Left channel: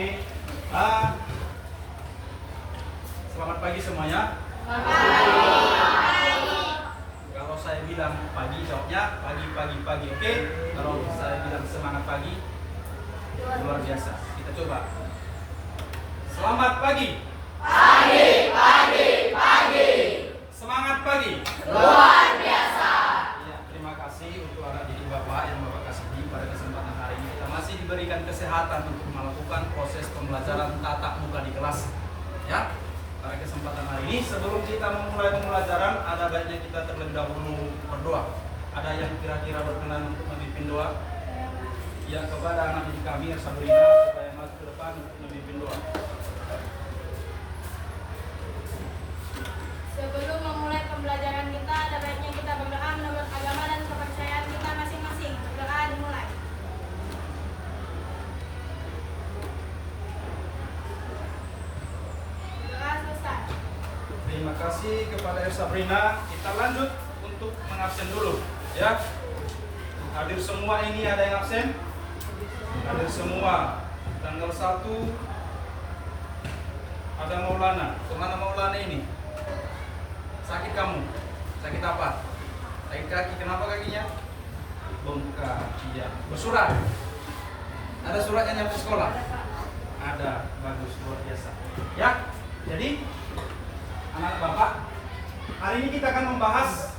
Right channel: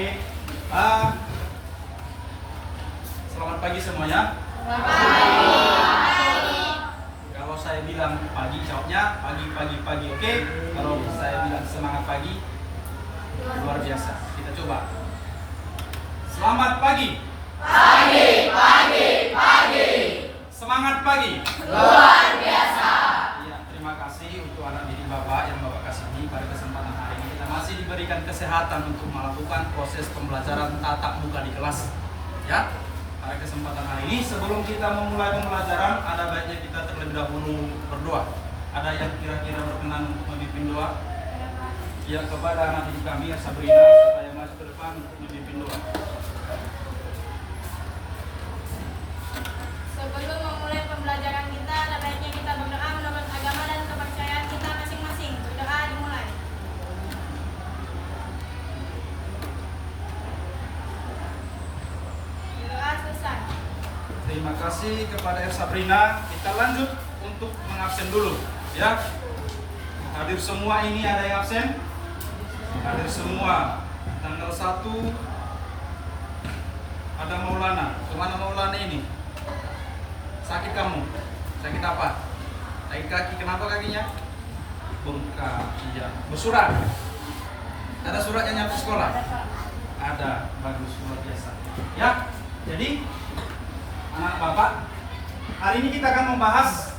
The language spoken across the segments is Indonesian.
Oke. Selamat pagi semuanya. Kalau saya bilang pagi, jawabnya pagi. Oke. Kalau saya bilang semangat pagi, luar biasa. Kita coba. Selamat pagi. Pagi. Semangat pagi. Luar biasa. Ya, terima kasih untuk anak didik Bapak yang Bapak kasih ini pada kesempatan hari ini. Kita masih diberikan kesehatan untuk melakukan proses pembelajaran tatap muka di kelas. Ya, pada kesempatan hari ini sebelum kita memulai pembelajaran, ada baiknya kita terlebih dahulu berdoa. Ada yang kira-kira berkenan untuk memimpin doa? Ya, kepada anak didik kami Sabrina supaya maju ke depan untuk memimpin doa. Sebelum memulai pembelajaran kita, ada baiknya kita berdoa menurut agama dan kepercayaan kita masing-masing. Doa dimulai. Doa selesai. Terima kasih kepada Sabrina. Kita lanjut untuk mengabsen dulu, ya. Hadir semua ini, ada yang absen? Hadir semua. Tanggal 1 ada Maulana. Kemana Maulana ini? Sakit kamu? Sakit apa? Sakit kaki. Kenapa kakinya? Bengkak. Iya. Bersurat? Ada suratnya nyampe sekolah? Ada. Bagus, luar biasa. Ya. Jadi anak Bapak, hari ini kita akan membahas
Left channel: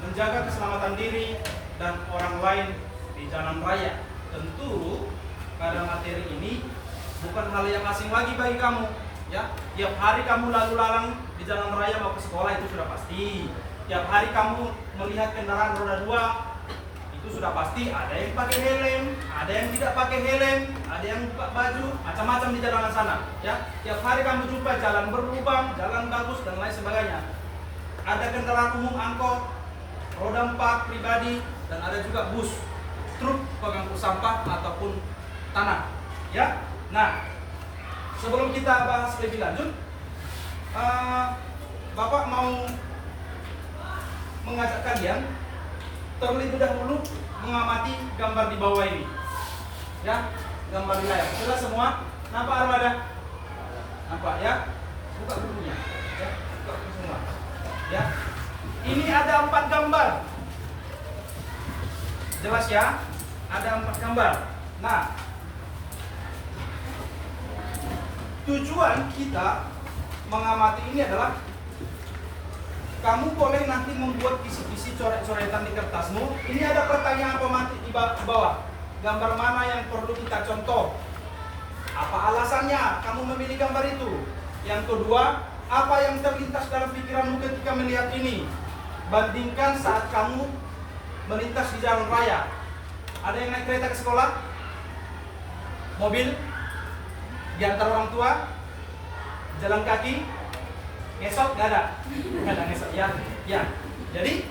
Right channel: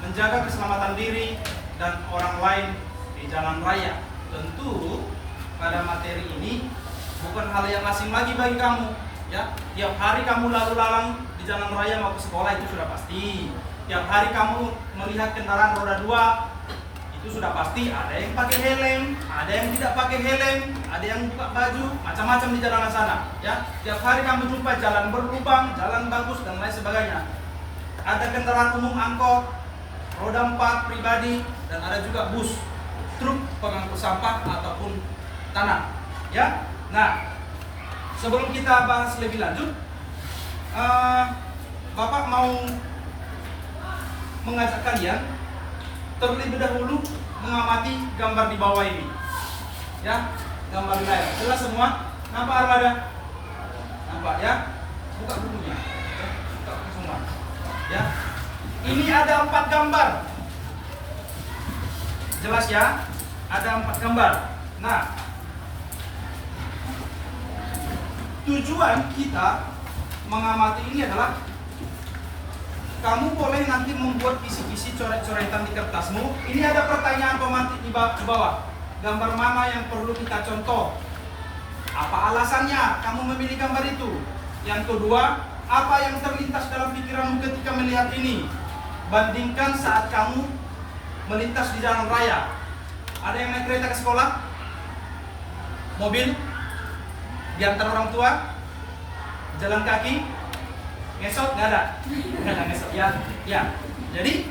menjaga keselamatan diri dan orang lain di jalan raya. Tentu pada materi ini bukan hal yang asing lagi bagi kamu, ya. Tiap hari kamu lalu lalang di jalan raya mau ke sekolah itu sudah pasti. Tiap hari kamu melihat kendaraan roda 2 itu sudah pasti. Ada yang pakai helm, ada yang tidak pakai helm, ada yang buka baju, macam-macam di jalanan sana, ya. Tiap hari kamu jumpa jalan berlubang, jalan bagus dan lain sebagainya. Ada kendaraan umum, angkot, roda 4 pribadi, dan ada juga bus, truk pengangkut sampah ataupun tanah, ya. Nah, sebelum kita bahas lebih lanjut, Bapak mau mengajak kalian terlebih dahulu mengamati gambar di bawah ini, ya. Gambar di layar, jelas semua? Nampak armada? Nampak, ya? Buka bukunya, ya. Buka buku semua, ya. Ini ada 4 gambar. Jelas ya? Ada 4 gambar. Nah, tujuan kita mengamati ini adalah kamu boleh nanti membuat kisi-kisi coret-coretan di kertasmu. Ini ada pertanyaan pemantik di bawah. Gambar mana yang perlu kita contoh? Apa alasannya kamu memilih gambar itu? Yang kedua, apa yang terlintas dalam pikiranmu ketika melihat ini? Bandingkan saat kamu melintas di jalan raya. Ada yang naik kereta ke sekolah? Mobil? Diantar orang tua? Jalan kaki? Ngesot? Nggak ada? Nggak ada ngesot, ya. Ya. Jadi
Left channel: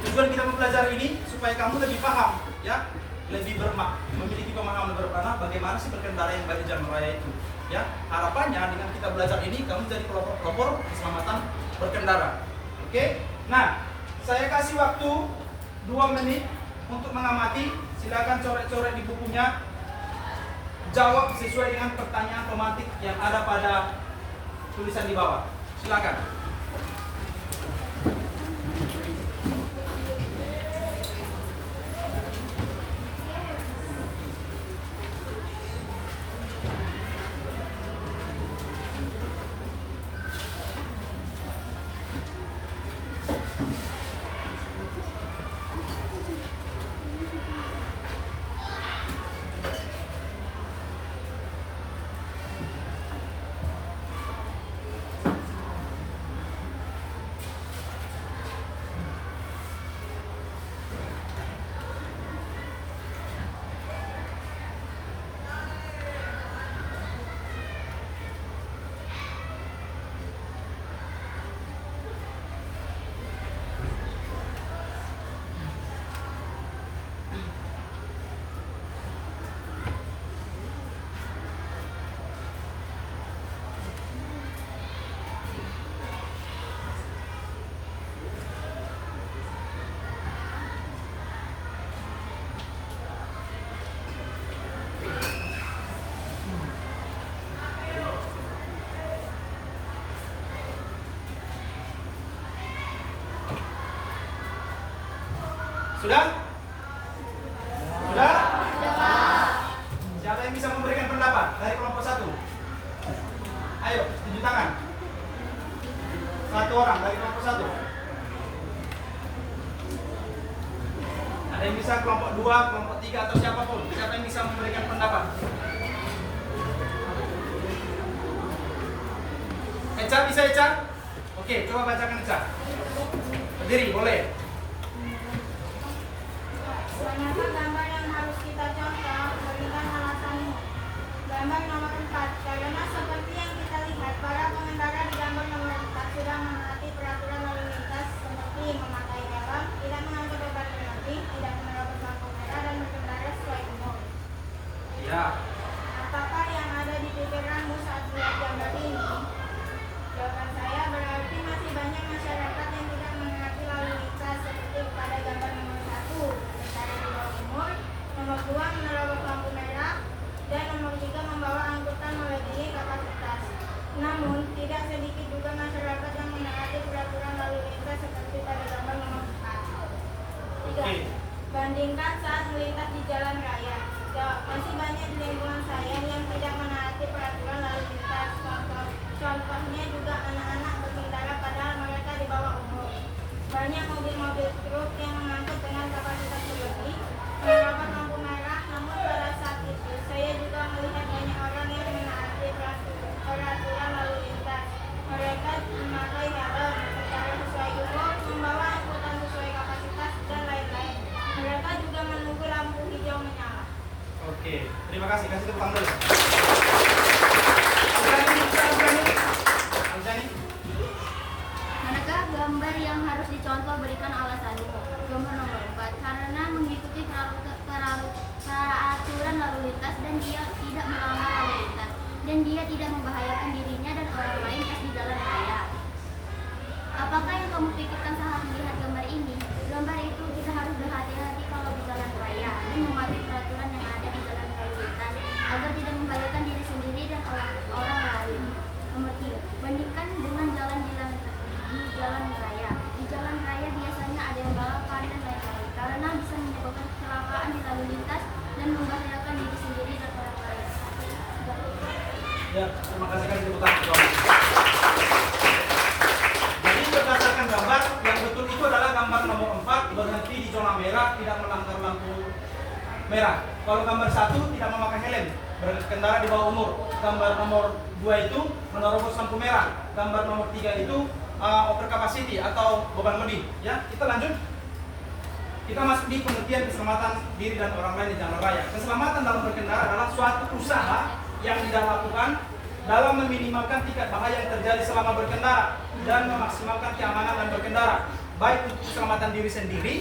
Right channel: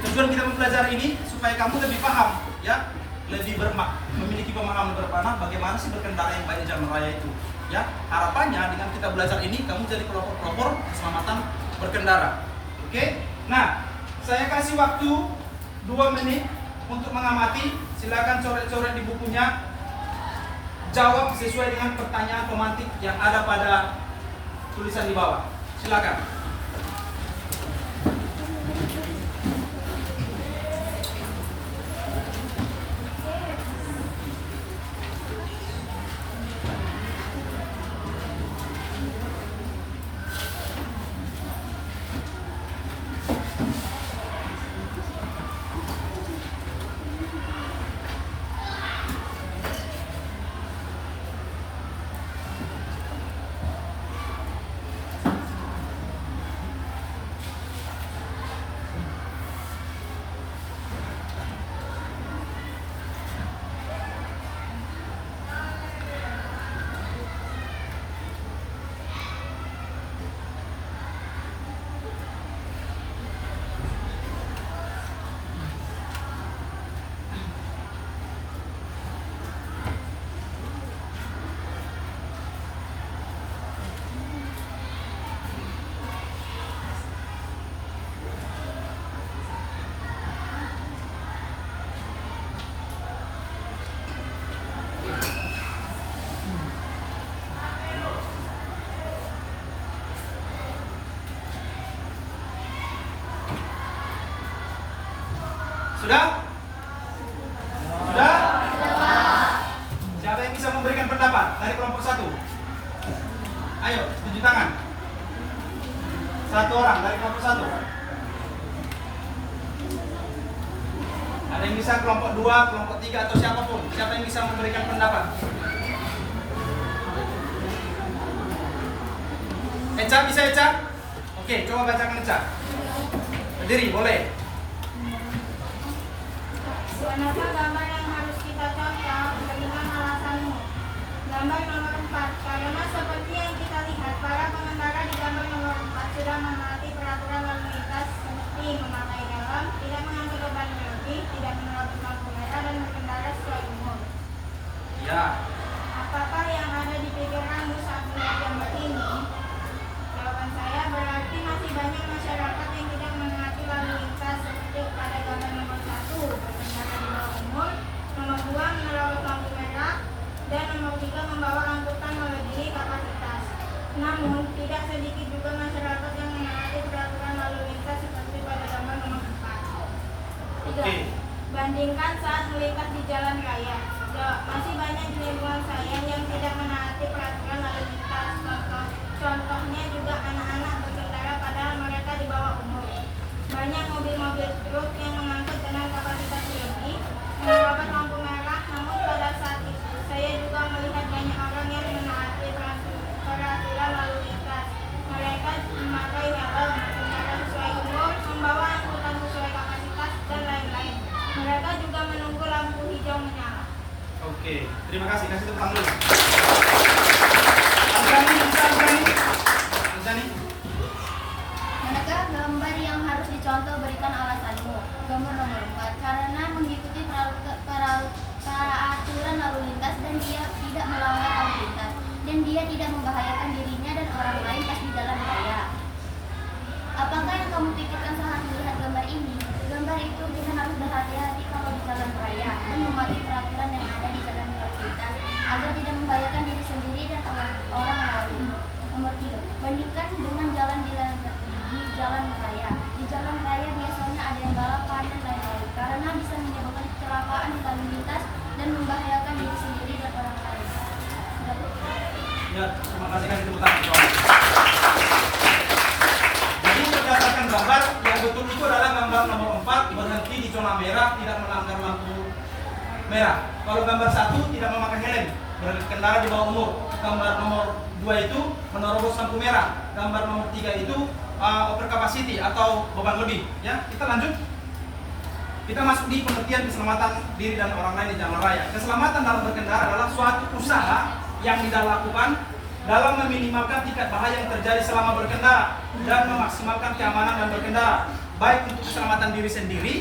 tujuan kita mempelajari ini supaya kamu lebih paham, ya, lebih memiliki pemahaman berpanah bagaimana sih berkendara yang baik di jalan raya itu, ya. Harapannya dengan kita belajar ini kamu jadi pelopor keselamatan berkendara. Oke? Nah, saya kasih waktu 2 menit untuk mengamati. Silakan coret-coret di bukunya. Jawab sesuai dengan pertanyaan pemantik yang ada pada tulisan di bawah. Silakan. Sudah? Sudah? Siapa yang bisa memberikan pendapat dari kelompok 1? Ayo, tunjuk tangan. 1 orang dari kelompok 1. Ada yang bisa kelompok 2, kelompok 3 atau siapapun. Siapa yang bisa memberikan pendapat? Eca, bisa Eca? Oke, coba bacakan Eca. Berdiri, boleh. Manakah gambar yang harus kita contoh? Berikan alasanmu. Gambar nomor 4. Karena seperti yang kita lihat, para pengendara di gambar nomor 4 sudah menaati peraturan lalu lintas seperti memakai helm, tidak mengangkut beban berlebih, tidak menerobos lampu merah, dan berkendara sesuai umur. Ya. Apakah yang ada di pikiranmu saat melihat gambar ini? Jawaban saya berarti masih banyak masyarakat yang tidak menaati lalu lintas seperti pada gambar nomor 1, berkendara di bawah umur, nomor 2, menerobos lampu merah, dan nomor 3, membawa angkutan melebihi kapasitas. Namun, tidak sedikit juga masyarakat yang menaati peraturan lalu lintas seperti pada gambar nomor 4. 3. Bandingkan saat melintas di jalan raya. Masih banyak di lingkungan saya yang tidak menaati peraturan lalu lintas. Contohnya juga anak-anak berkendara padahal mereka di bawah umur. Banyak mobil-mobil truk yang mengangkut dengan kapasitas lebih, menerobos lampu merah, namun pada saat itu saya juga melihat banyak orang yang menaati peraturan lalu lintas. Mereka memakai helm, berkendara sesuai umur, membawa angkutan sesuai kapasitas, dan lain-lain. Mereka juga menunggu lampu hijau menyala. Oke, terima kasih. Kasih tepuk tangan dulu. Manakah gambar yang harus dicontoh? Berikan alasanmu. Gambar nomor 4. Karena mengikuti peraturan lalu lintas dan dia tidak melanggar lalu lintas, dan dia tidak membahayakan dirinya dan orang lain pas di jalan raya. Apakah yang kamu pikirkan saat melihat gambar ini? Gambar itu kita harus berhati-hati kalau di jalan raya dan mematuhi peraturan yang ada di jalan lalu lintas agar tidak membahayakan diri sendiri dan orang lain. Nomor 3. Bandingkan dengan jalan di jalan raya. Di jalan raya biasanya ada yang balapan dan lain-lain karena bisa menyebabkan kecelakaan di lalu lintas dan membahayakan diri sendiri dan orang lain. Ya, terima kasih. Kasih tepuk tangan. Jadi berdasarkan gambar yang betul itu adalah gambar nomor 4, berhenti di zona merah, tidak melanggar lampu merah. Kalau gambar 1 tidak memakai helm, berkendara di bawah umur. Gambar nomor 2 itu menerobos lampu merah. Gambar nomor 3 itu over capacity atau beban lebih. Ya, kita lanjut. Kita masuk di pengertian keselamatan diri dan orang lain di jalan raya. Keselamatan dalam berkendara adalah suatu usaha yang dilakukan dalam meminimalkan tingkat bahaya yang terjadi selama berkendara dan memaksimalkan keamanan dan berkendara, baik untuk keselamatan diri sendiri,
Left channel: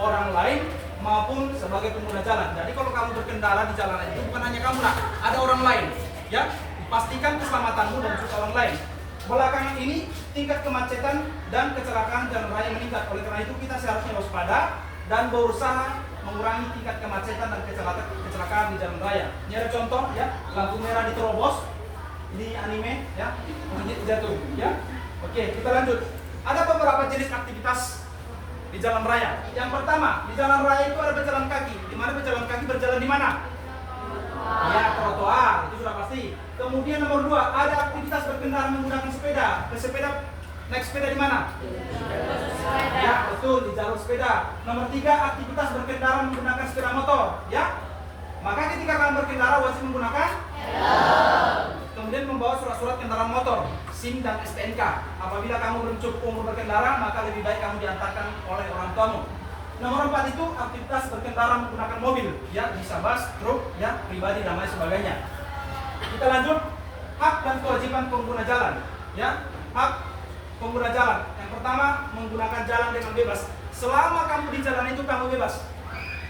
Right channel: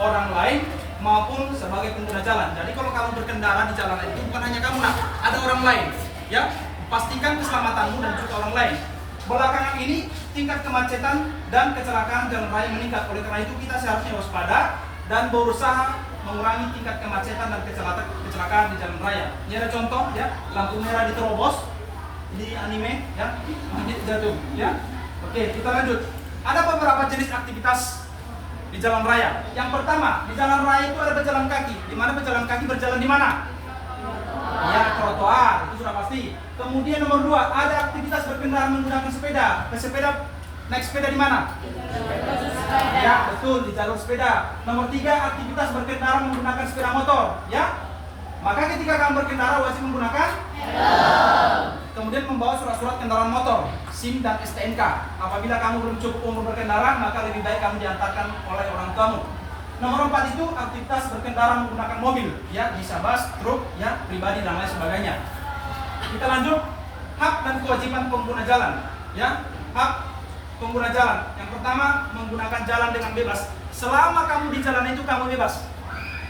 orang lain, maupun sebagai pengguna jalan. Jadi kalau kamu berkendara di jalan itu bukan hanya kamu, ada orang lain. Ya, pastikan keselamatanmu dan juga orang lain. Belakangan ini tingkat kemacetan dan kecelakaan jalan raya meningkat. Oleh karena itu kita seharusnya waspada dan berusaha mengurangi tingkat kemacetan dan kecelakaan di jalan raya. Ini ada contoh ya, lampu merah diterobos. Ini anime ya, jatuh ya. Oke, kita lanjut. Ada beberapa jenis aktivitas di jalan raya. Yang pertama, di jalan raya itu ada pejalan kaki. Di mana pejalan kaki berjalan di mana? Ya, trotoar, itu sudah pasti. Kemudian nomor 2, ada aktivitas berkendara menggunakan sepeda. Pesepeda naik sepeda di mana? Ya, betul, di jalur sepeda. Nomor 3, aktivitas berkendara menggunakan sepeda motor, ya. Maka ketika kamu berkendara wajib menggunakan kemudian membawa surat-surat kendaraan motor, SIM dan STNK. Apabila kamu belum cukup umur berkendara, maka lebih baik kamu diantarkan oleh orang tuamu. Nomor 4 itu aktivitas berkendara menggunakan mobil, ya, bisa bus, truk, ya, pribadi dan lain sebagainya. Kita lanjut, hak dan kewajiban pengguna jalan, ya, hak pengguna jalan. Yang pertama, menggunakan jalan dengan bebas. Selama kamu di jalan itu kamu bebas,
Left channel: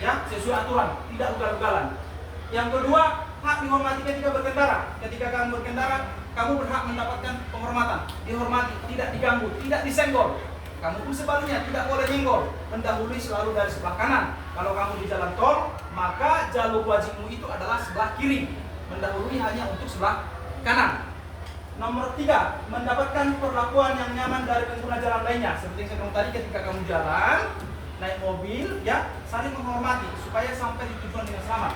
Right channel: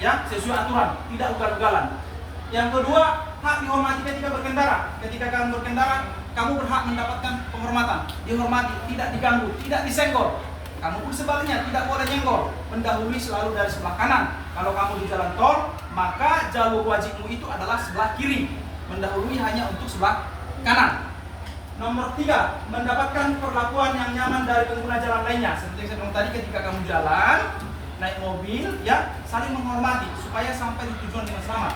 ya, sesuai aturan, tidak ugal-ugalan. Yang kedua, hak dihormati ketika berkendara. Ketika kamu berkendara, kamu berhak mendapatkan penghormatan, dihormati, tidak diganggu, tidak disenggol. Kamu pun sebaliknya tidak boleh nyenggol, mendahului selalu dari sebelah kanan. Kalau kamu di jalan tol, maka jalur wajibmu itu adalah sebelah kiri, mendahului hanya untuk sebelah kanan. Nomor 3, mendapatkan perlakuan yang nyaman dari pengguna jalan lainnya. Seperti yang saya bilang tadi, ketika kamu jalan, naik mobil, ya saling menghormati supaya sampai di tujuan dengan selamat.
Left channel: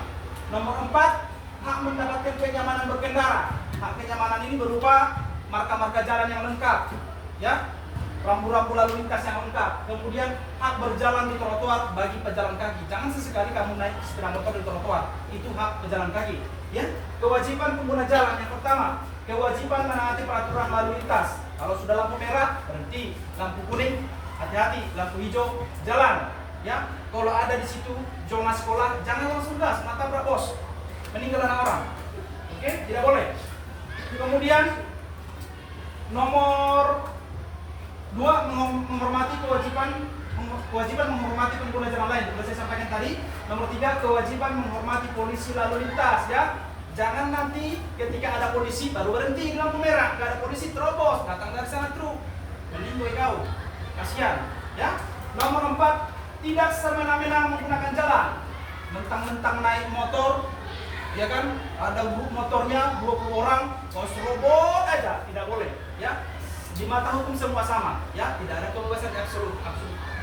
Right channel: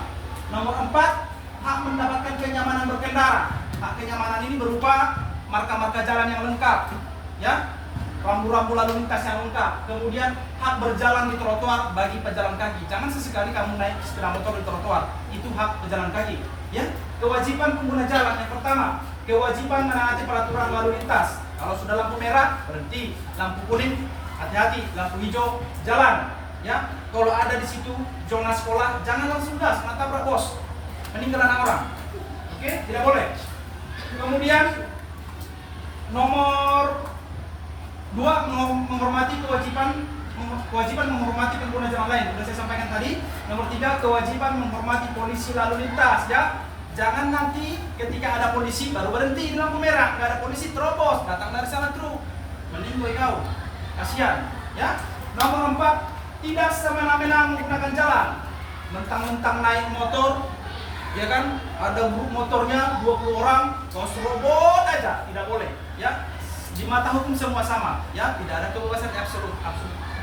Nomor 4, hak mendapatkan kenyamanan berkendara. Hak kenyamanan ini berupa marka-marka jalan yang lengkap, ya, rambu-rambu lalu lintas yang lengkap. Kemudian hak berjalan di trotoar bagi pejalan kaki. Jangan sesekali kamu naik sepeda motor di trotoar, itu hak pejalan kaki. Ya, kewajiban pengguna jalan yang pertama, kewajiban menaati peraturan lalu lintas. Kalau sudah lampu merah berhenti, lampu kuning hati-hati, lampu hijau jalan. Ya, kalau ada di situ zona sekolah jangan langsung gas, nabrak bos, meninggal anak orang. Oke, tidak boleh. Kemudian nomor 2, menghormati kewajiban menghormati pengguna jalan lain. Sudah saya sampaikan tadi. Nomor 3, kewajiban menghormati polisi lalu lintas, ya. Jangan nanti ketika ada polisi baru berhenti di lampu merah, nggak ada polisi terobos, datang dari sana truk, meninggal kau, kasihan, ya. Nomor 4, tidak semena-mena menggunakan jalan, mentang-mentang naik motor, ya kan, ada grup motornya 20 orang, kau serobot aja, tidak boleh, ya. Di mata hukum semua sama, ya, tidak ada kebebasan absolut,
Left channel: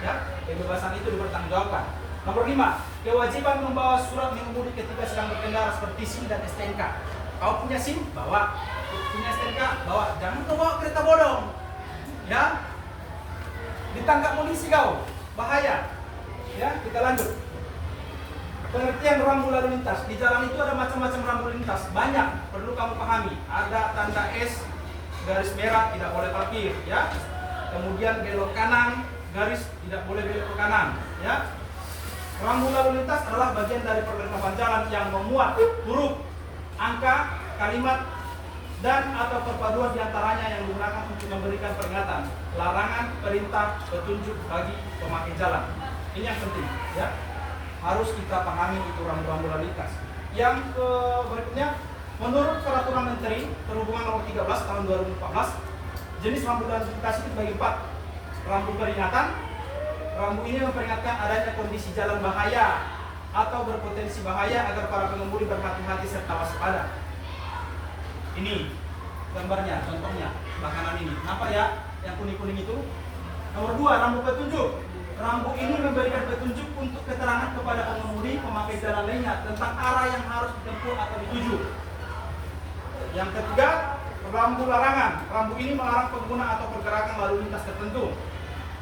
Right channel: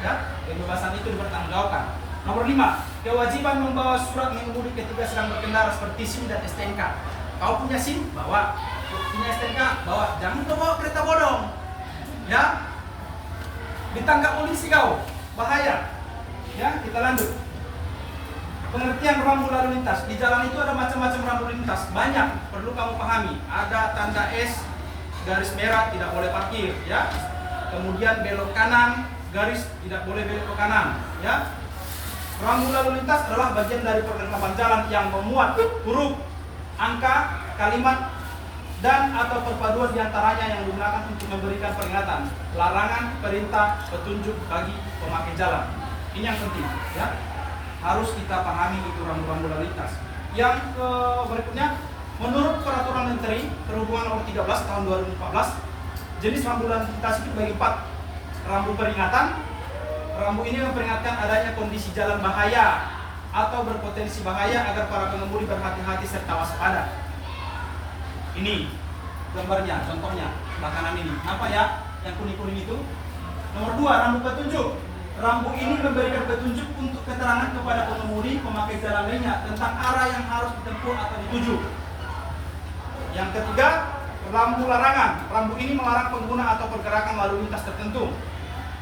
ya. Kebebasan itu dipertanggungjawabkan. Nomor 5, kewajiban membawa surat mengemudi ketika sedang berkendara seperti SIM dan STNK. Kau punya SIM, bawa. Punya STNK, bawa. Jangan kau bawa kereta bodong, ya. Ditangkap polisi kau, bahaya. Ya, kita lanjut. Pengertian rambu lalu lintas. Di jalan itu ada macam-macam rambu lintas, banyak, perlu kamu pahami. Ada tanda S, garis merah, tidak boleh parkir, ya. Kemudian belok kanan, garis tidak boleh belok ke kanan, ya. Rambu lalu lintas adalah bagian dari perlengkapan jalan yang memuat huruf, angka, kalimat, dan atau perpaduan diantaranya yang digunakan untuk memberikan peringatan, larangan, perintah, petunjuk bagi pemakai jalan. Ini yang penting, ya. Harus kita pahami itu rambu-rambu lalu lintas. Yang berikutnya, menurut Peraturan Menteri Perhubungan Nomor 13 Tahun 2014, jenis rambu lalu lintas itu bagi 4. Rambu peringatan. Rambu ini memperingatkan adanya kondisi jalan bahaya atau berpotensi bahaya agar para pengemudi berhati-hati serta waspada. Ini gambarnya, contohnya, makanan ini. Apa ya yang kuning-kuning itu? Nomor 2, rambu petunjuk. Rambu ini memberikan petunjuk untuk keterangan kepada pengemudi pemakai jalan lainnya tentang arah yang harus ditempuh atau dituju. Yang ketiga, rambu larangan. Rambu ini melarang pengguna atau pergerakan lalu lintas tertentu.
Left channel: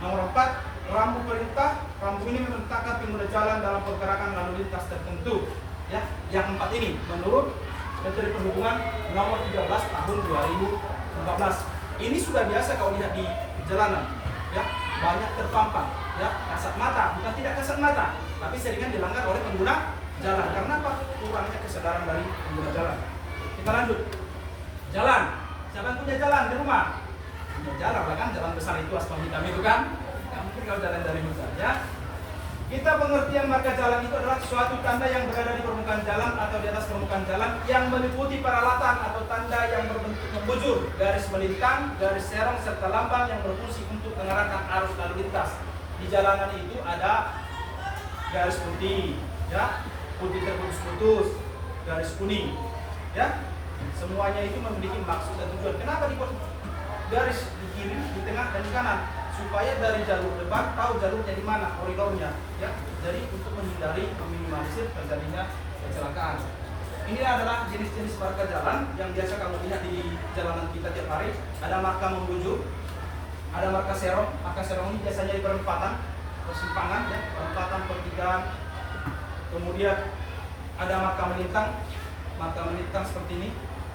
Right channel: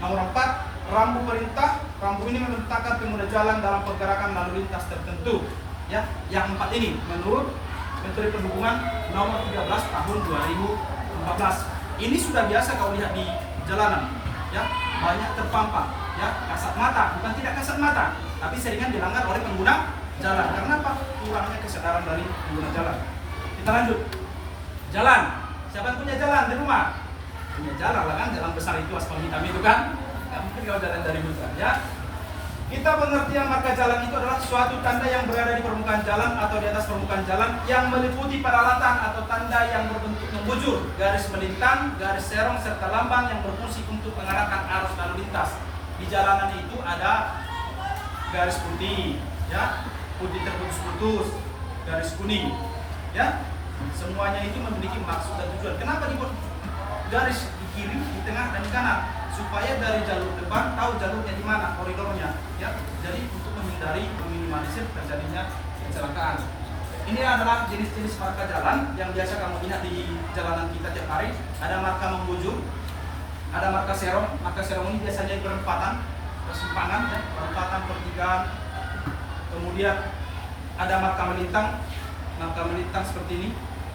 Nomor 4, rambu perintah. Rambu ini memerintahkan pengguna jalan dalam pergerakan lalu lintas tertentu. Ya, yang 4 ini menurut Menteri Perhubungan Nomor 13 Tahun 2014. Ini sudah biasa kau lihat di jalanan, ya, banyak terpampang, ya, kasat mata, bukan tidak kasat mata, tapi seringan dilanggar oleh pengguna jalan. Karena apa? Kurangnya kesadaran dari pengguna jalan. Kita lanjut. Jalan. Siapa yang punya jalan di rumah? Punya jalan lah kan, jalan besar itu aspal hitam itu kan. Nggak mungkin kalau jalan dari hutan, ya. Kita pengertian marka jalan itu adalah suatu tanda yang berada di permukaan jalan atau di atas permukaan jalan yang meliputi peralatan atau tanda yang berbentuk membujur, garis melintang, garis serong serta lambang yang berfungsi untuk mengarahkan arus lalu lintas. Di jalanan itu ada garis putih, ya, putih terputus-putus, garis kuning, ya. Semuanya itu memiliki maksud dan tujuan. Kenapa dibuat garis di kiri, di tengah, dan di kanan? Supaya dari jalur depan tahu jalurnya di mana, koridornya, ya. Jadi untuk menghindari, meminimalisir terjadinya kecelakaan. Ini adalah jenis-jenis marka jalan yang biasa kamu lihat di jalanan kita tiap hari. Ada marka membujur, ada marka serong. Marka serong ini biasanya di perempatan, persimpangan, ya, perempatan, pertigaan. Kemudian ada marka melintang. Marka melintang seperti ini.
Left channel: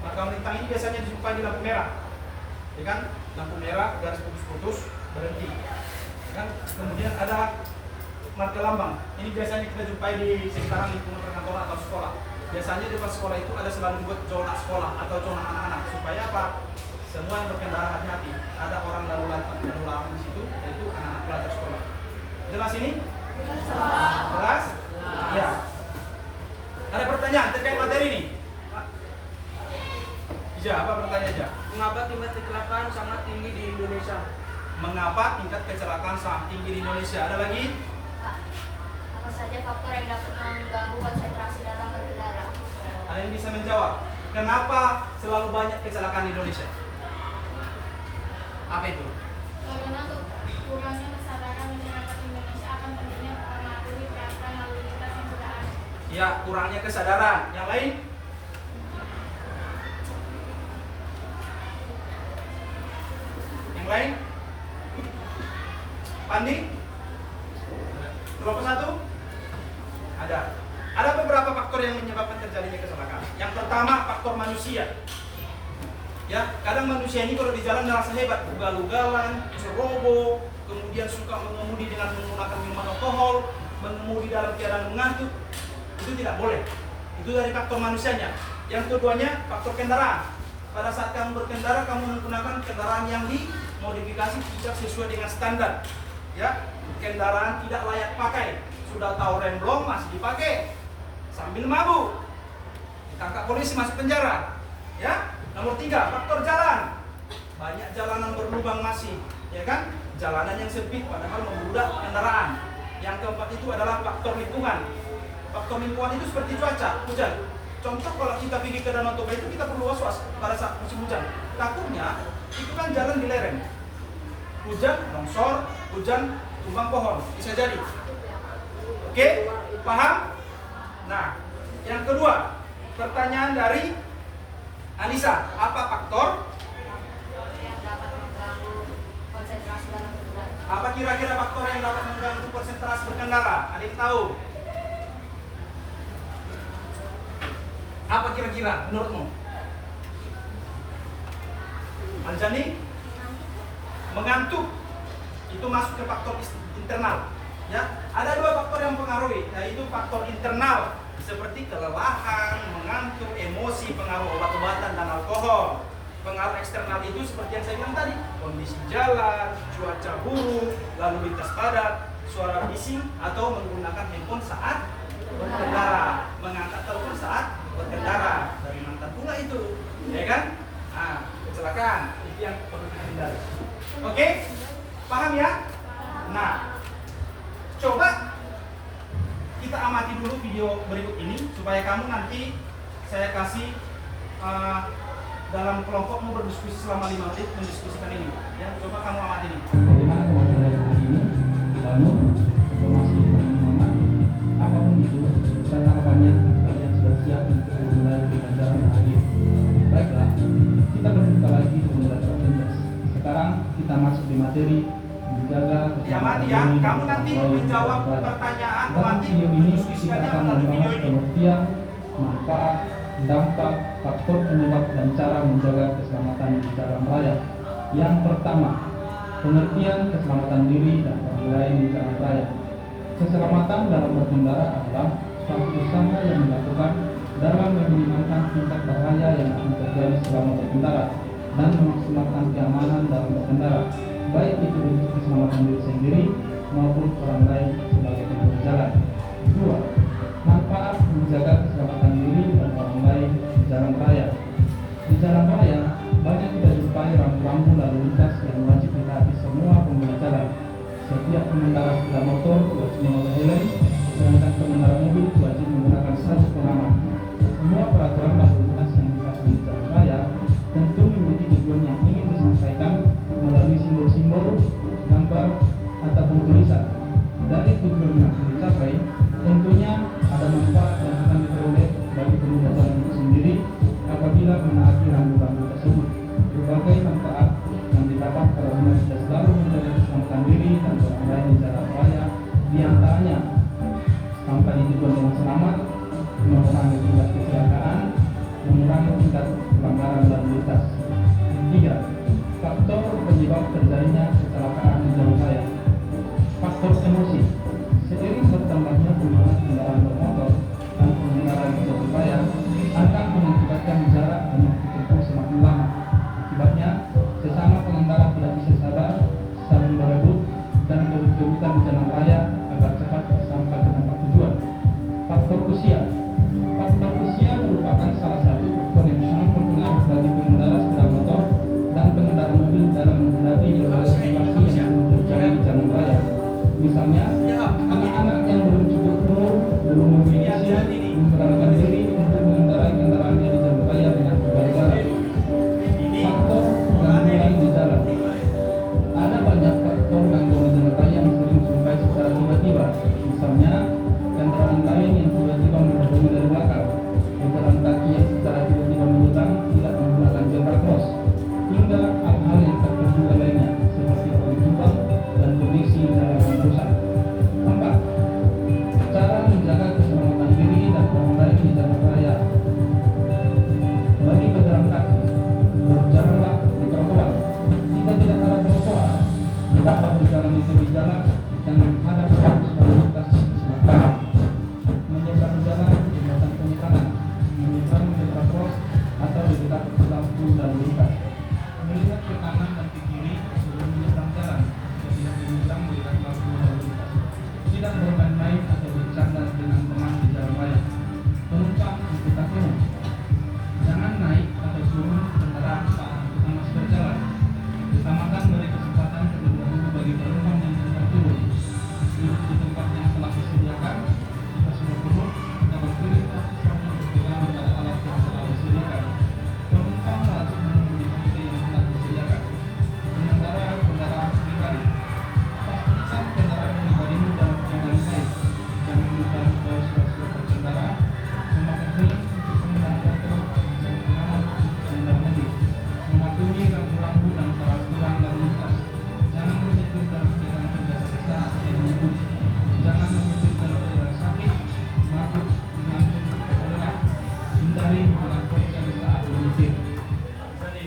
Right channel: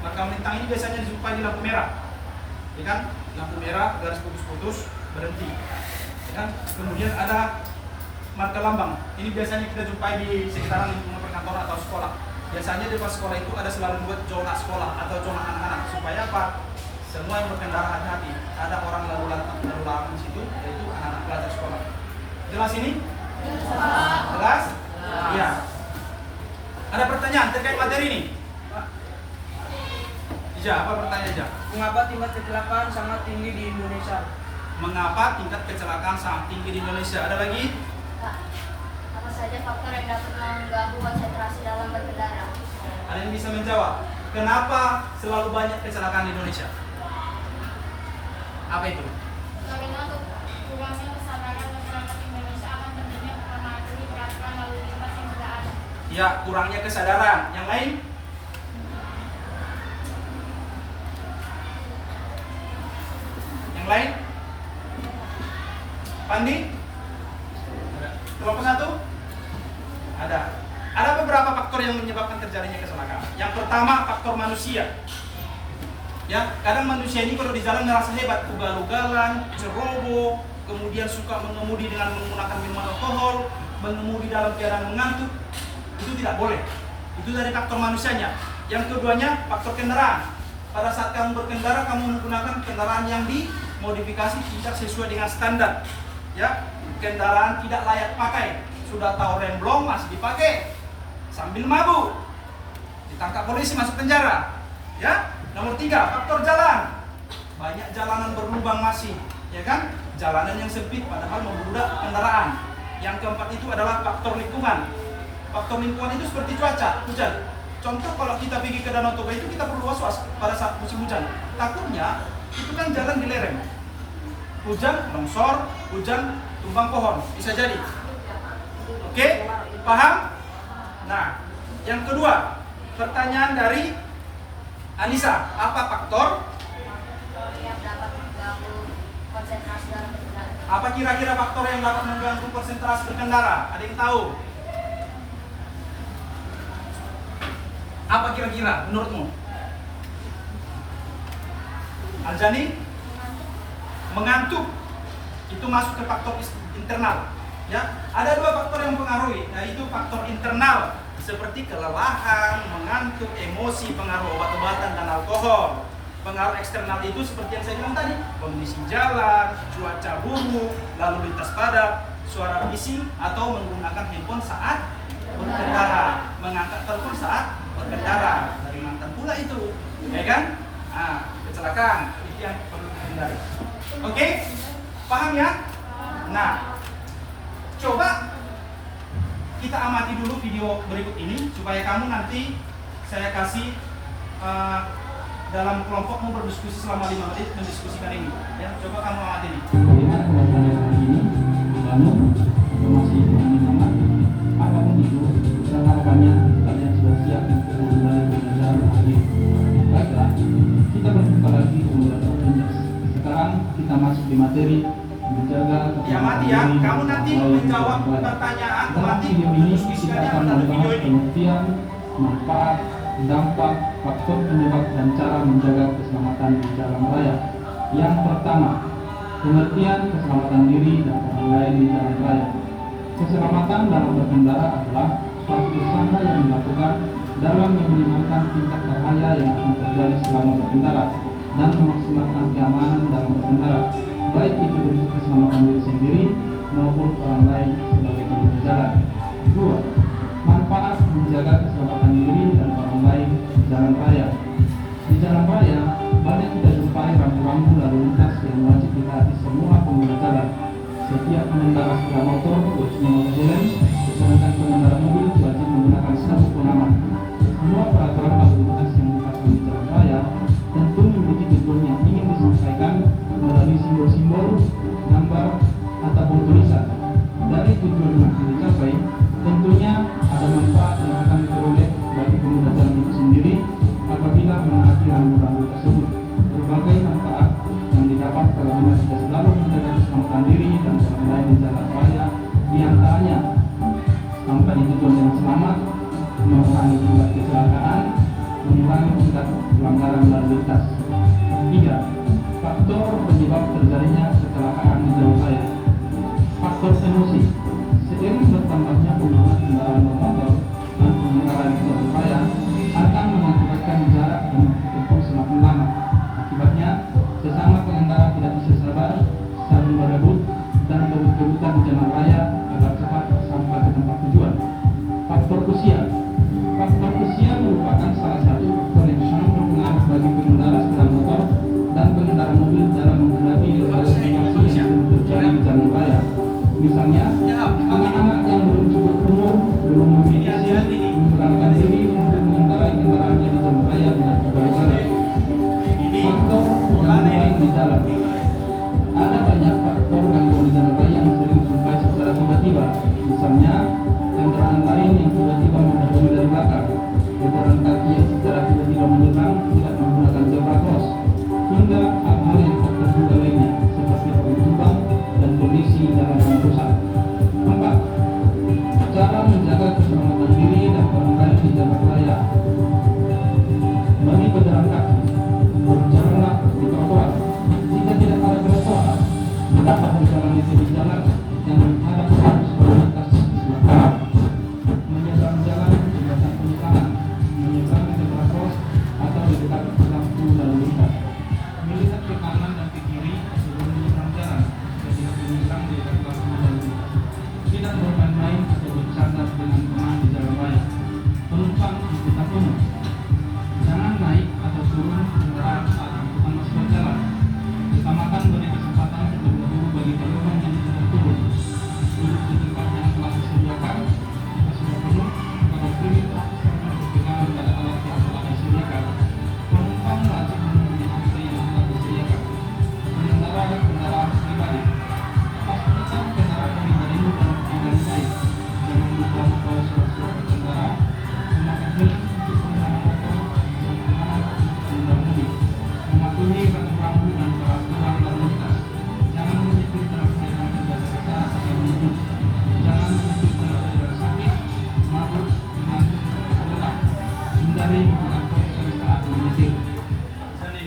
Marka melintang ini biasanya dijumpai di lampu merah, ya kan? Lampu merah, garis putus-putus, berhenti, ya kan? Kemudian ada marka lambang. Ini biasanya kita jumpai di sekitaran lingkungan perkantoran atau sekolah. Biasanya di depan sekolah itu ada selalu buat zona sekolah atau zona anak-anak. Supaya apa? Semua yang berkendara hati-hati. Ada orang lalu lalang di situ, yaitu anak-anak pelajar sekolah. Jelas ini? Jelas? Ya. Ada pertanyaan terkait materi ini? Ja, apa pertanyaan Ja? Mengapa tingkat kecelakaan sangat tinggi di Indonesia? Mengapa tingkat kecelakaan sangat tinggi di Indonesia? Ada lagi? Pak, apa saja faktor yang dapat mengganggu konsentrasi dalam berkendara? Ada yang bisa menjawab? Kenapa selalu banyak kecelakaan di Indonesia? Apa itu? Karena kurangnya kesadaran masyarakat Indonesia akan terjadinya Ya, kurangnya kesadaran. Yang lain? Yang lain? Pandi? Kelompok 1? Ada. Ada beberapa faktor yang menyebabkan terjadinya kecelakaan. Yang pertama, faktor manusia. Ya, kadang manusia ini kalau di jalan merasa hebat, ugal-ugalan, ceroboh, kemudian suka mengemudi dengan menggunakan minuman alkohol, mengemudi dalam keadaan mengantuk. Itu tidak boleh. Itu dari faktor manusianya. Yang keduanya, faktor kendaraan. Pada saat kamu berkendara, kamu menggunakan kendaraan yang dimodifikasi tidak sesuai dengan standar. Ya, kendaraan tidak layak pakai. Sudah tahu rem belum, masih dipakai. Sambil mabuk. Ditangkap polisi, masuk penjara. Ya. Nomor 3, faktor jalan. Banyak jalanan berlubang masih, ya kan? Jalanan yang sempit padahal membludak kendaraan. Yang keempat itu adalah faktor lingkungan. Faktor lingkungan itu seperti cuaca, hujan. Contoh kalau kita pergi ke Danau Toba itu kita perlu was-was pada saat musim hujan. Takutnya itu kan jalan di lereng. Hujan, longsor, hujan, tumbang pohon. Bisa jadi. Oke, paham? Nah, yang kedua, pertanyaan dari Anissa, apa faktor? Yang dapat mengganggu konsentrasi dalam berkendara. Apa kira-kira faktor yang dapat mengganggu konsentrasi berkendara? Ada yang tahu? Apa kira-kira menurutmu? Aljani? Mengantuk. Itu masuk ke faktor internal. Ya, ada 2 faktor yang mempengaruhi, yaitu faktor internal seperti kelelahan, mengantuk, emosi, pengaruh obat-obatan dan alkohol. Pengaruh eksternal itu seperti yang saya bilang tadi, kondisi jalan, cuaca buruk, lalu lintas padat, suara bising, atau menggunakan handphone saat berkendara, mengangkat telepon saat berkendara. Dari mantan pula itu, ya kan? Nah, kecelakaan itu yang perlu dihindari. Oke, paham ya? Nah, coba kita amati dulu video berikut ini supaya kamu nanti saya kasih dalam kelompokmu berdiskusi selama 5 menit mendiskusikan ini. Ya, coba kamu amati ini. Bagaimana pelajaran hari ini? Lalu, informasi dengan semangat, apapun itu, rekan-rekannya, kalian sudah siap untuk memulai pembelajaran hari ini. Baiklah, kita berjumpa lagi di Moderator Indeks. Sekarang kita masuk di materi menjaga Ya mati ya, kamu nanti menjawab pertanyaan dalam mati video ini kita diskusikan akan dalam video membahas ini. pengertian, manfaat, dampak, faktor penyebab dan cara menjaga keselamatan di jalan raya. Yang pertama, pengertian keselamatan diri dan orang lain di jalan raya. Keselamatan dalam berkendara adalah suatu usaha yang dilakukan dalam meminimalkan tingkat bahaya yang akan terjadi selama berkendara dan memaksimalkan keamanan dalam berkendara, baik itu untuk keselamatan diri sendiri maupun orang lain sebagai pengguna jalan. 2. Manfaat menjaga keselamatan diri dan orang lain di jalan raya. Di jalan raya, banyak kita jumpai rambu-rambu lalu lintas yang wajib ditaati semua pengguna jalan. Setiap pengendara sepeda motor wajib memakai helm, sedangkan pengendara mobil wajib menggunakan sabuk pengaman. Semua peraturan lalu lintas yang dipasang di jalan raya tentu memiliki tujuan yang ingin disampaikan melalui simbol-simbol, gambar, ataupun tulisan. Dari tujuan yang akan dicapai, tentunya ada manfaat yang akan diperoleh bagi pengguna jalan itu sendiri apabila menaati rambu-rambu tersebut. Berbagai manfaat yang didapat kalau kita selalu menjaga keselamatan diri dan orang lain di jalan raya, diantaranya sampai di tujuan dengan selamat, mengurangi tingkat kecelakaan, mengurangi tingkat pelanggaran lalu lintas. 3. Faktor penyebab terjadinya kecelakaan di jalan raya. Faktor emosi. Seiring bertambahnya penggunaan kendaraan bermotor dan pengendara di jalan raya akan mengakibatkan jarak dan tempuh semakin lama. Akibatnya, sesama pengendara tidak bisa sabar, saling berebut, dan berebut-rebutan di jalan raya agar cepat sampai ke tempat tujuan. Faktor usia. Faktor usia merupakan salah satu faktor yang sangat berpengaruh bagi pengendara sepeda motor dan pengendara mobil dalam menghadapi berbagai situasi yang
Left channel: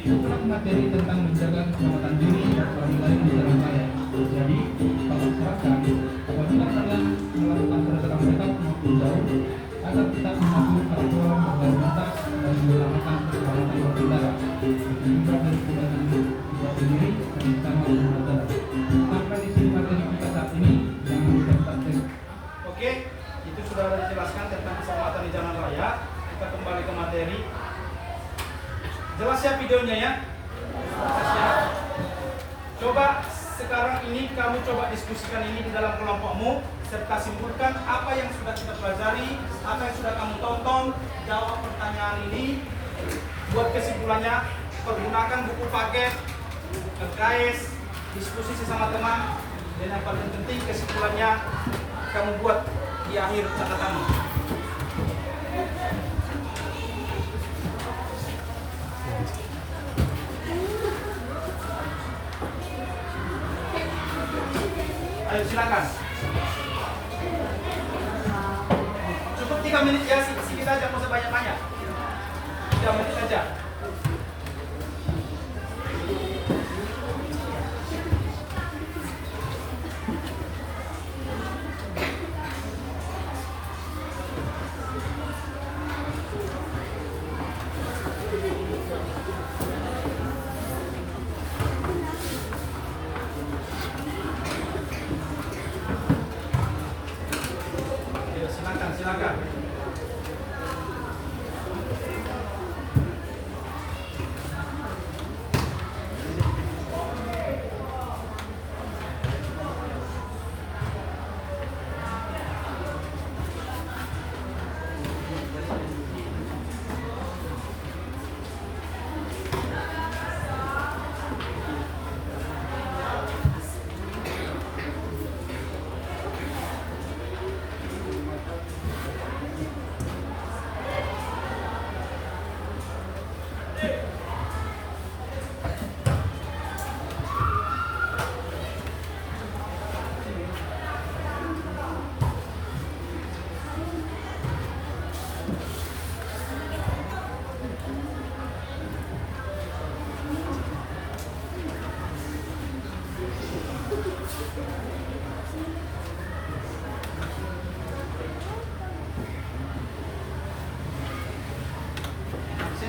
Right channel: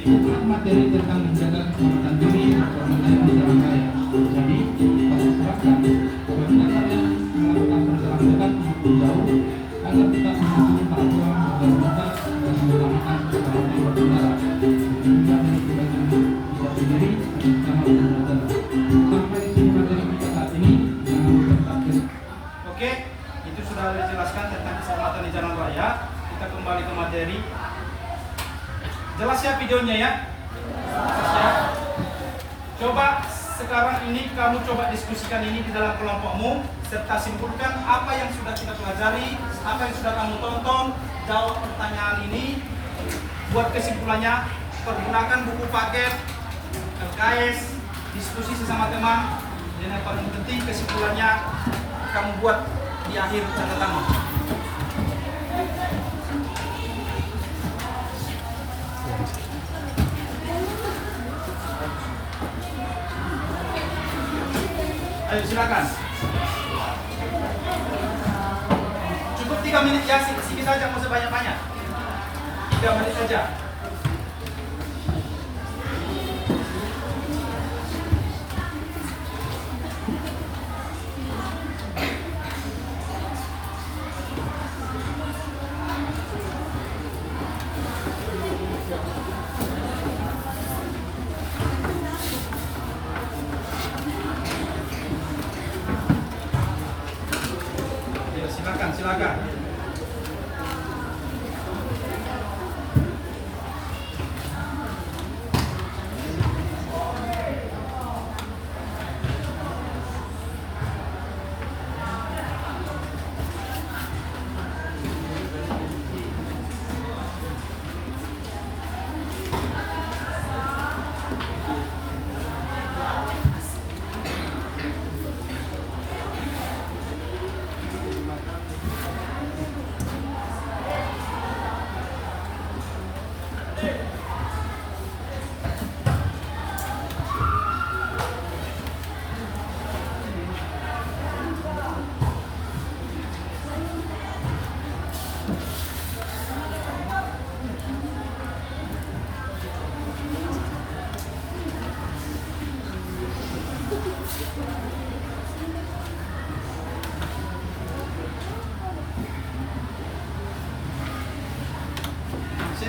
Tentang materi tentang menjaga keselamatan diri dan orang lain di jalan raya. Jadi, Bapak serahkan apabila kalian melakukan perjalanan dekat maupun jauh agar tetap mematuhi peraturan berlalu lintas dan mengutamakan keselamatan berkendara. Juga dari pribadi diri dan sama berkendara. Sampai di sini materi kita saat ini. Jangan lupa takdir. Oke, itu sudah dijelaskan tentang keselamatan di jalan raya. Kita kembali ke materi. Jelas ya videonya ya? Jelas ya? Coba sekarang ini kamu coba diskusikan ini di dalam kelompokmu serta simpulkan apa yang sudah kita pelajari, apa yang sudah kamu tonton, jawab pertanyaan ini, buat kesimpulannya, pergunakan buku paket, LKS, diskusi sesama teman, dan yang paling penting kesimpulannya kamu buat di akhir catatanmu. Ayo silakan. Cukup 3 menit ya, sedikit saja, mau sebanyak-banyak. 3 menit saja. Ayo silakan, silakan.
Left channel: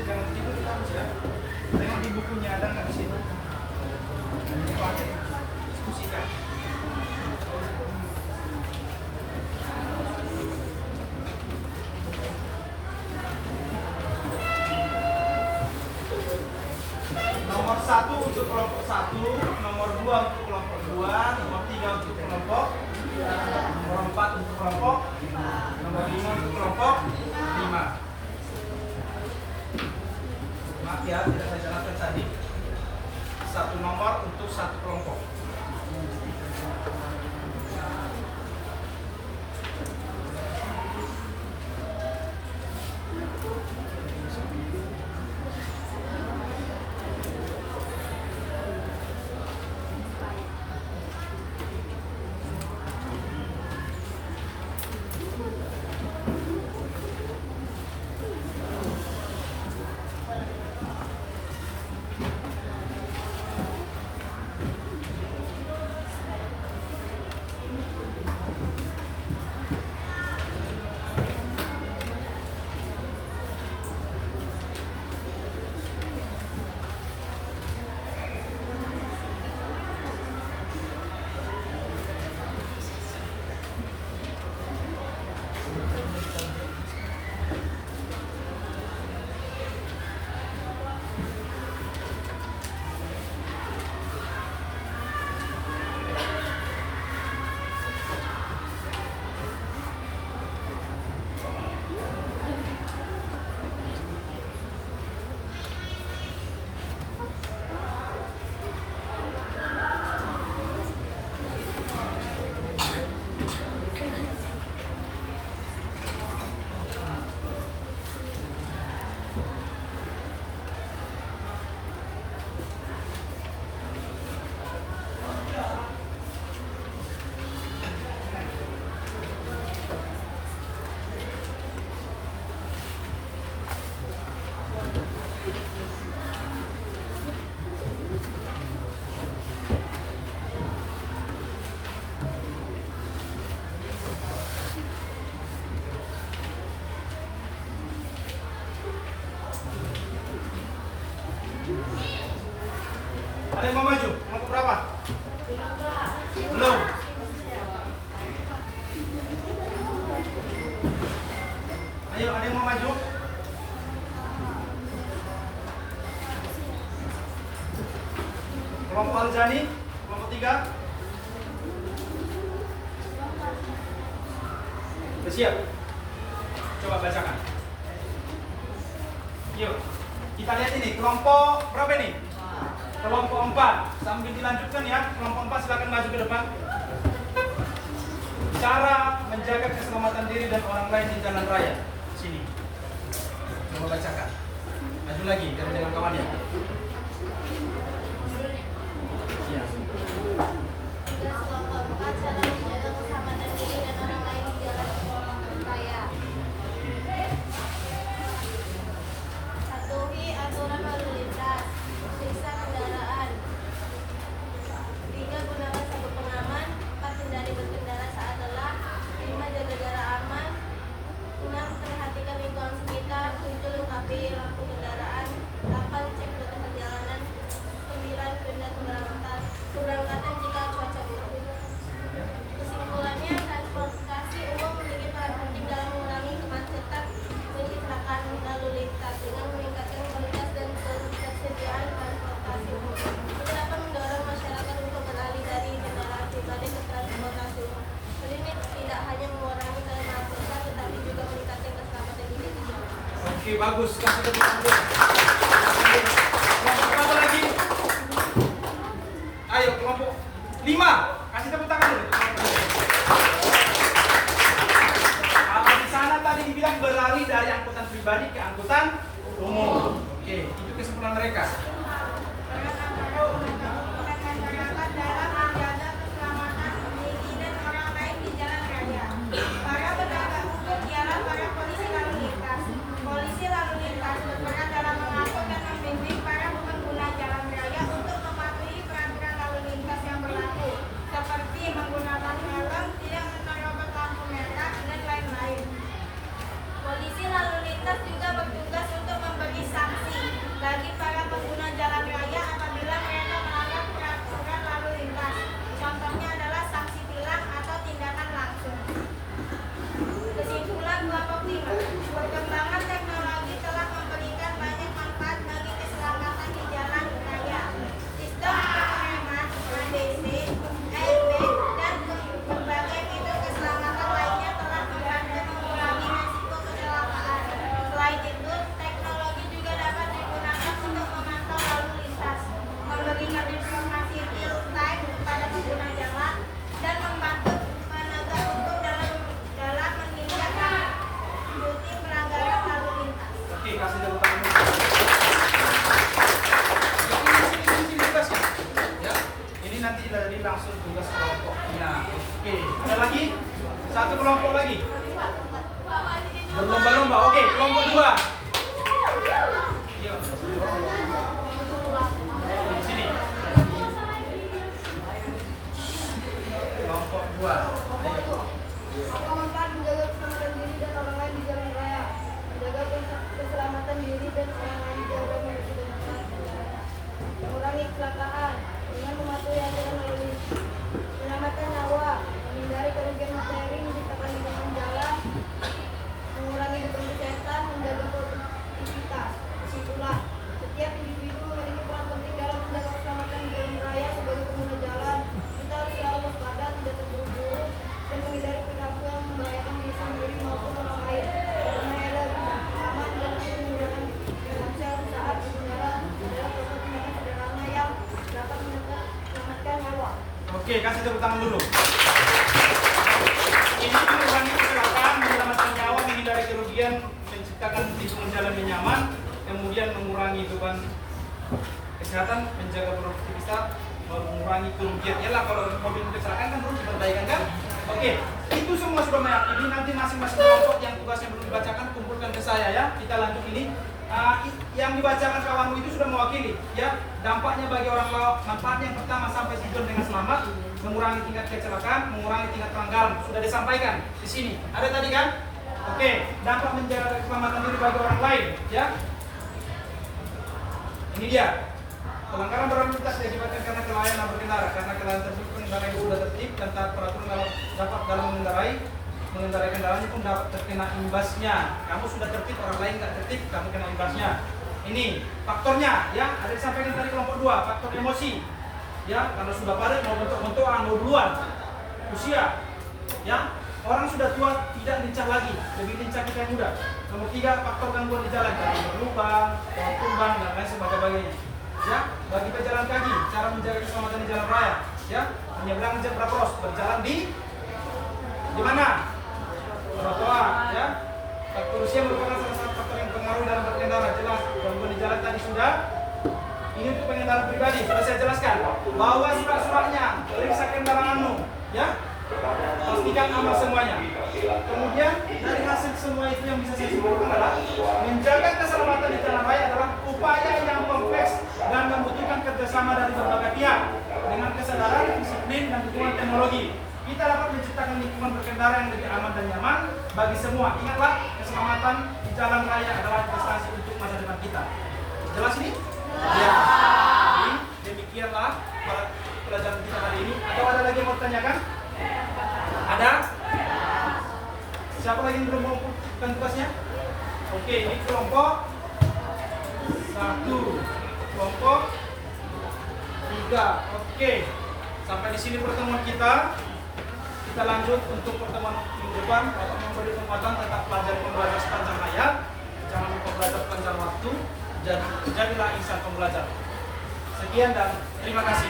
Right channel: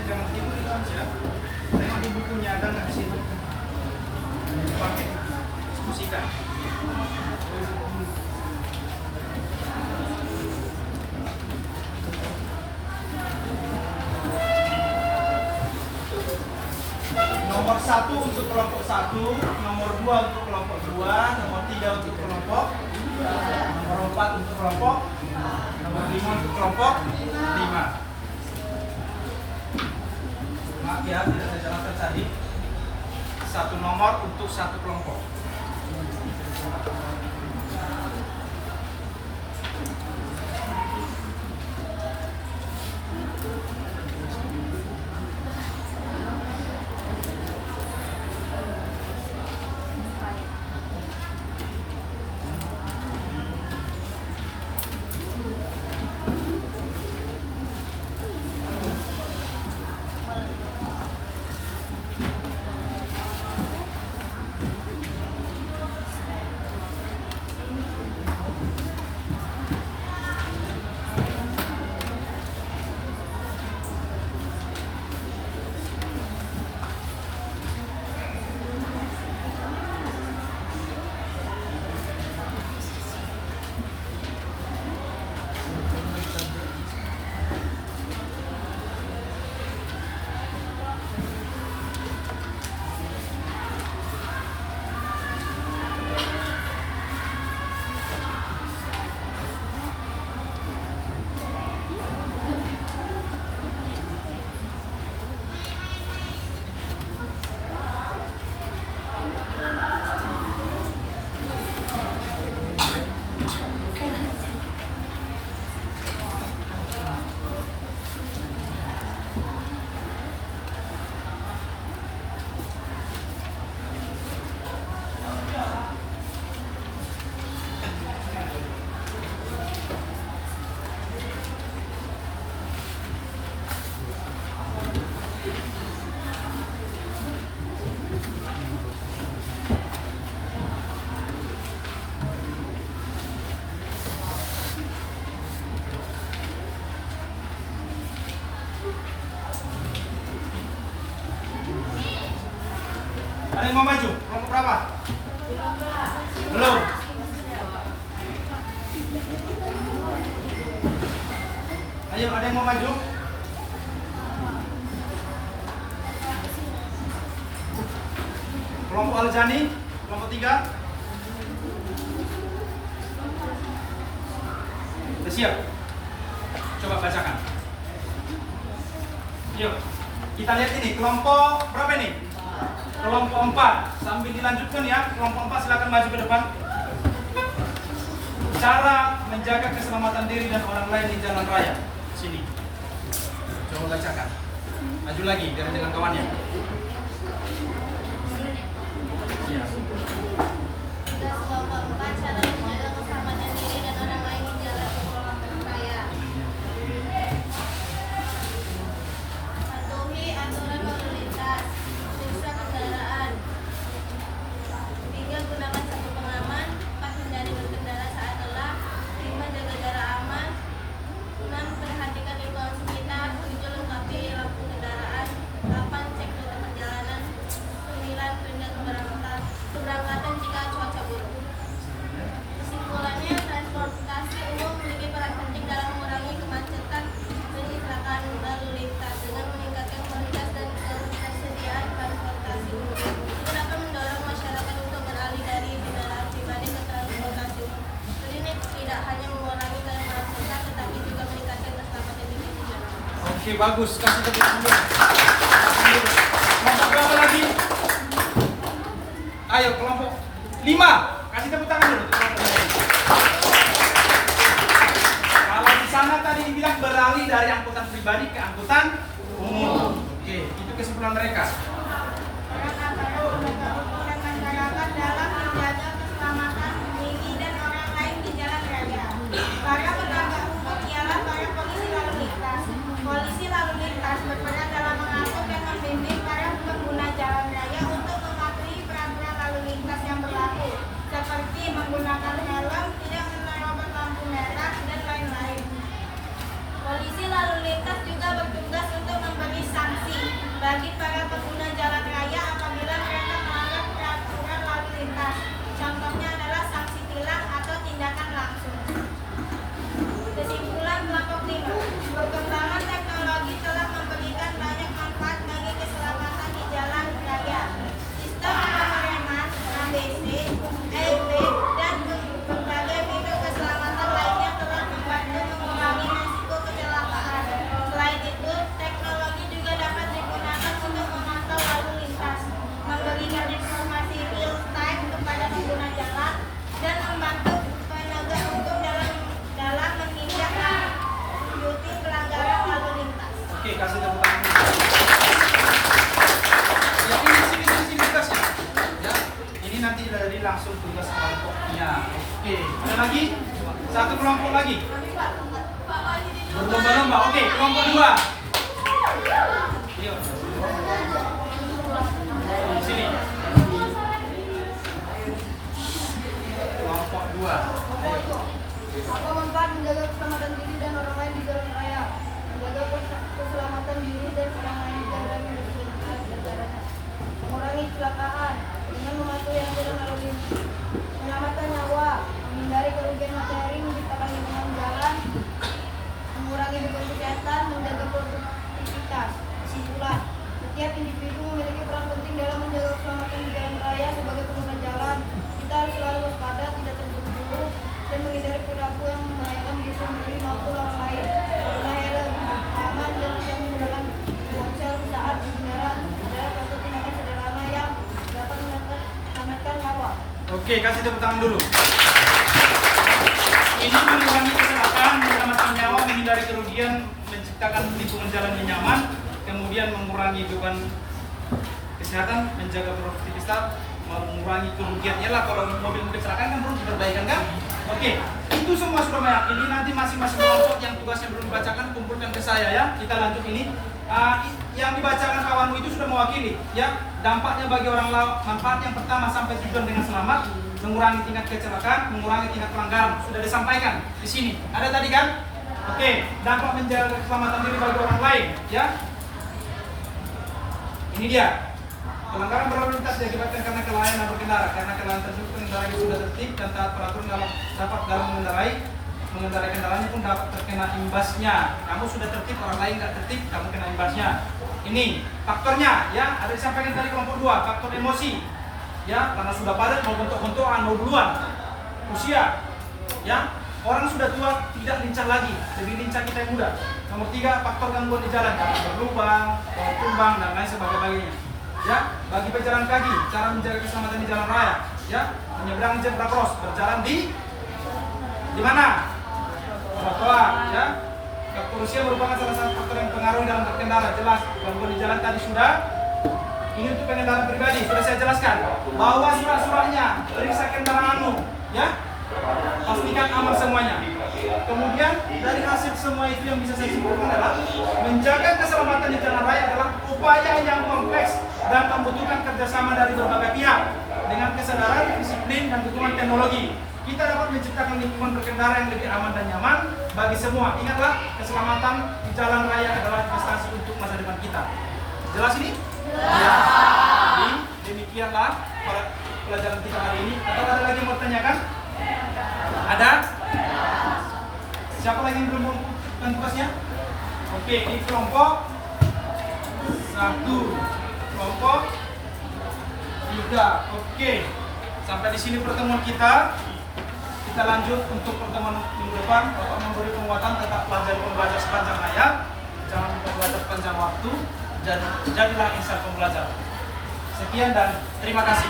Jangan tidur di kampus ya. Tengok di bukunya ada nggak di situ? Dipakai, diskusikan. Nomor 1 untuk kelompok 1, nomor 2 untuk kelompok 2, nomor 3 untuk kelompok, nomor 4 untuk kelompok, nomor 5 untuk kelompok 5. Maaf ya, tidak saya jelaskan tadi. 1 nomor untuk 1 kelompok. Ada yang mau maju? Kelompok berapa? Belum. Ayo, ada yang mau maju? Kelompok Aljani, kelompok 3. Sudah siap? Coba bacakan. Yuk, kita lihat ini kelompok berapa ini? Kelompok 4. Sambil dilanjutkan ya, kelompok 4 silakan maju ke depan. Cara menjaga keselamatan diri dan orang lain di jalan raya. Sini. Coba bacakan. Maju lagi biar dengan kawannya. Ya. Tugas kelompok 4 cara menjaga keselamatan diri dan orang lain di jalan raya. Patuhi aturan lalu lintas. Periksa kendaraan. 3. Gunakan sabuk pengaman. 4. Hindari berkendara saat lelah. 5. Jaga jarak aman. 6. Perhatikan lingkungan sekitar. 7. Lengkapi lampu kendaraan. 8. Cek rute perjalanan. 9. Tunda keberangkatan jika cuaca buruk. Kesimpulannya, transportasi umum memiliki peran penting dalam mengurangi kemacetan dan kecelakaan lalu lintas dengan meningkatkan kualitas dan ketersediaan transportasi umum. Itu dapat mendorong masyarakat untuk beralih dari kendaraan pribadi ke transportasi umum. Hal ini tidak hanya mengurangi kemacetan, tetapi juga meningkatkan keselamatan diri di jalan. Oke, bagus. Kasih tepuk tangan. Kelompok berapa lagi? Ayo, kelompok 5. Kasih tepuk tangan dulu. Kalau di sana tadi dibilang beralih dari angkutan pribadi ke angkutan umum. Oke, itu kesimpulan mereka. Masyarakat dalam menjaga keselamatan diri dan orang lain di jalan raya. Para penegak hukum ialah para polisi lalu lintas. Polisi lalu lintas berperan dalam mengatur dan membimbing para pengguna jalan raya untuk mematuhi peraturan lalu lintas yang berlaku, seperti menggunakan helm, tidak menerobos lampu merah, dan lain-lain. Polisi lalu lintas juga bertugas untuk memberi sanksi bagi para pengguna jalan raya apabila mereka melanggar peraturan lalu lintas. Contohnya adalah sanksi tilang atau tindakan langsung. Kesimpulan kelompok 5. Perkembangan teknologi telah memberikan banyak manfaat bagi keselamatan di jalan raya. Sistem pengereman, ABC, EB, dan berbagai fitur keselamatan lainnya telah membantu mengurangi risiko kecelakaan. Selain itu, teknologi juga dapat digunakan untuk memantau lalu lintas, memberikan informasi real time kepada pengguna jalan, dan membantu penegak hukum dalam menindaklanjuti pelanggaran lalu lintas. Oke, kasih tepuk tangan. Ya, ini sini tugasnya. Ya, ini nanti dari langsung tugas kelompoknya. Oke, ada lagi? Satu kelompok lagi. Berlomba-lomba. Oke, kelompok 2. Sini. Kelompok 2. Kelompok 4 menjaga keselamatan diri dan orang lain di jalan raya. Menjaga keselamatan diri dan orang lain di jalan raya menggunakan kendaraan. Mengurangi kecelakaan dengan mematuhi aturan lalu lintas. Menyelamatkan nyawa, menghindari kerugian materi, menciptakan lingkungan jalan, mengurangi beban kesehatan, menjaga produktivitas. Kesimpulan, setiap individu memiliki peran penting dalam menjaga keselamatan di jalan raya. Sebagai pengguna jalan, kita harus selalu waspada, tidak terburu-buru, dan menghindari perilaku yang membahayakan diri sendiri maupun orang lain. Karena lebih aman dan tidak menggunakan ponsel saat berjalan adalah suatu tindakan sederhana yang dapat menyelamatkan nyawa. Oke, kasih tepuk tangan dulu. Ini mengurangi kecelakaan, menyelamatkan nyawa, menghindari kerugian, menciptakan lingkungan jalan yang nyaman, kemudian mengurangi beban kesehatan, menjaga produktivitas, mengurangi kerugian. Yalah, kalau mobil kecelakaan kan perlu diperbaikan kan? Oke, itu semua sudah meyakini. Nanti masing-masing kelompok yang tugasnya belum dibacakan kumpulkan ke saya ya. Kita lanjut ini. Yang dibacakan kawanmu itu sudah mewakili ya, dampaknya bagi orang lain. Manfaat yang pertama, sampai tujuan dengan selamat, mengurangi tingkat kecelakaan, mengurangi tingkat pelanggaran. Sudah disampaikan di sini. Ada tadi kan? Oke, dampak menjaga keselamatan diri bagi orang lain ya. Ini dia. Pelanggaran berlalu lintas diakibatkan karena kelalaian berkendara. Karena kelalaian tersebut pengendara yang sudah tertib dan taat peraturan dapat dalam mengendarai kendaraannya pun dapat terkena imbasnya. Kamu sudah tertib, orang lain nggak tertib, kamu kena imbasnya. Ini faktornya, ya, ada disampaikan tadi kelompok 2, faktor emosi, ya, karena sudah padat mau bentuk-bentukan, mau duluan, usia, ya, orang sudah tua tidak lincah lagi, lebih lincah kita yang muda. Nomor 3, faktor gangguan di jalan, karena berlubang, pohon tumbang dan lain sebagainya. Ya, bagi pejalan kaki, cara menjaga keselamatan di jalan raya, ya, menyeberang zebra cross, berjalan di mana? Trotoar, ya. Faktor usia merupakan salah satu faktor yang pengaruh dalam berkendara. Jelas, gangguan di jalan tadi sudah. Ini untuk kendaraan pribadi, sudah saya jelaskan. Bawa surat-suratnya, periksa kendaraanmu, ya. Pastikan aman semuanya. Kemudian dari hasil semua itu yang bisa saya simpulkan adalah menjaga keselamatan di jalan raya adalah upaya yang kompleks dan membutuhkan kerjasama dari berbagai pihak dengan kesadaran, disiplin, dan dukungan teknologi. Kita dapat menciptakan lingkungan berkendara yang lebih aman dan nyaman bagi semua. Ingatlah, keselamatan di jalan raya adalah investasi untuk masa depan kita. Jelas ini? Ya. Jadi, demikianlah pelajaran kita hari ini. Atau ada lagi yang mau tanyakan? Ada? Siapa lagi yang belum mengumpulkan tugasnya? Oke, ini kelompok 1, kelompok 3. Oke, sampai di sini pertemuan kita. Kita lanjut untuk pertemuan minggu depan. Bapak memberi penguatan tetap pembelajar sepanjang hayat, jangan lupa belajar sepanjang waktu, dan jadilah insan pembelajar. Sekian dan terima kasih.